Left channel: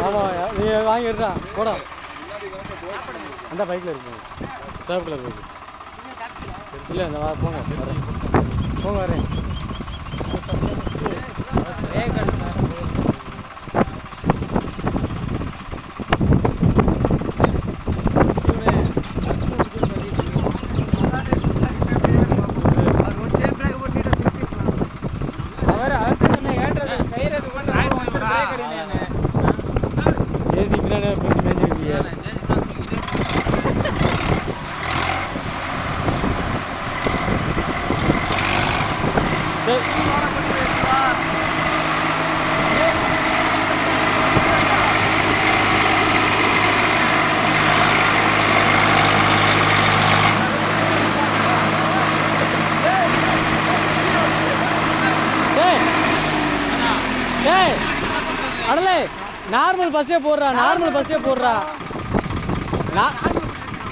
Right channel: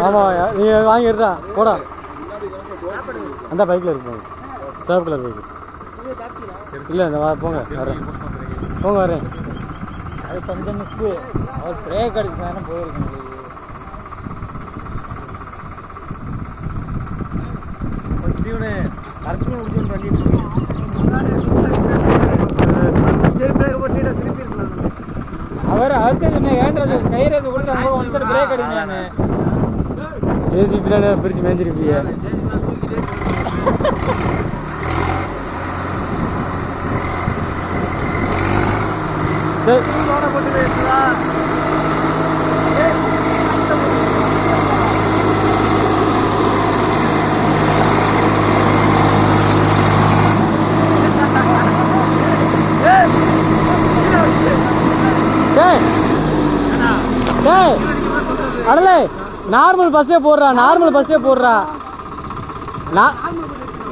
ஆமா நீ வாங்கிடுறா போடா அந்த பைக்கில் இருக்கு சேவ் கலர் பைக்கு இல்லை இந்த போங்க வரேன் போங்க வரேன் அது கொஞ்சம் மிஸ்ஸு பிரேக் அடிச்சாலும் போயிருக்கு அவர் அடுத்து ஏன்றது கயிறது கொண்டு வந்து பிரேக் அடிக்கிறாங்க ஏசி பின்னாடி பிரிச்சு மேய்ஞ்சிருப்பீங்க அடலே நார்மல் பஸ்ஸே போடுறா நார்மல் பஸ்ஸே போடுறா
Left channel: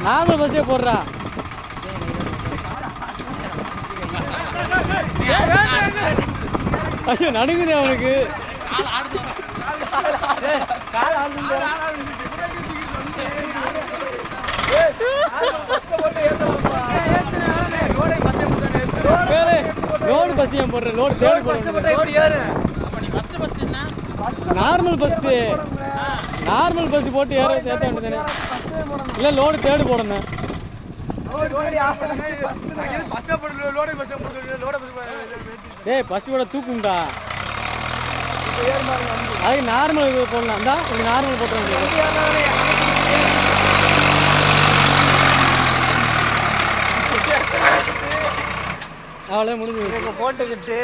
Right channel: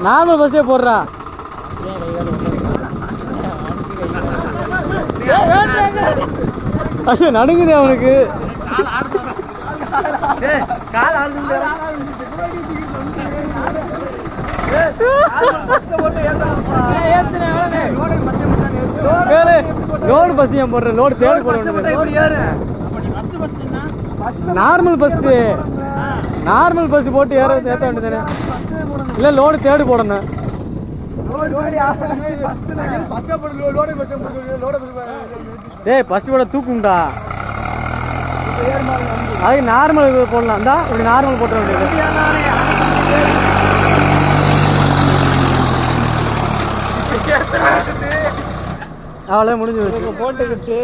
நார்மல் பஸ்ஸே போடுறா ஐயோ நடுங்குது அவனுக்கு லோடு பஸ் ஏன் போடுற லோடு தேடி போடுற நார்மல் பஸ் போட்டு ஏற்ற வேண்டியதானே இல்லை லோடு தேடி போடணும் டேய் ஃபர்ஸ்ட் போட தூக்கும்டா அது நார்மல் போடலாம் தான் இப்படி நார்மல் போட்ட வேண்டியது அவ்வளோ முடிஞ்சு போட்டுக்கிட்டு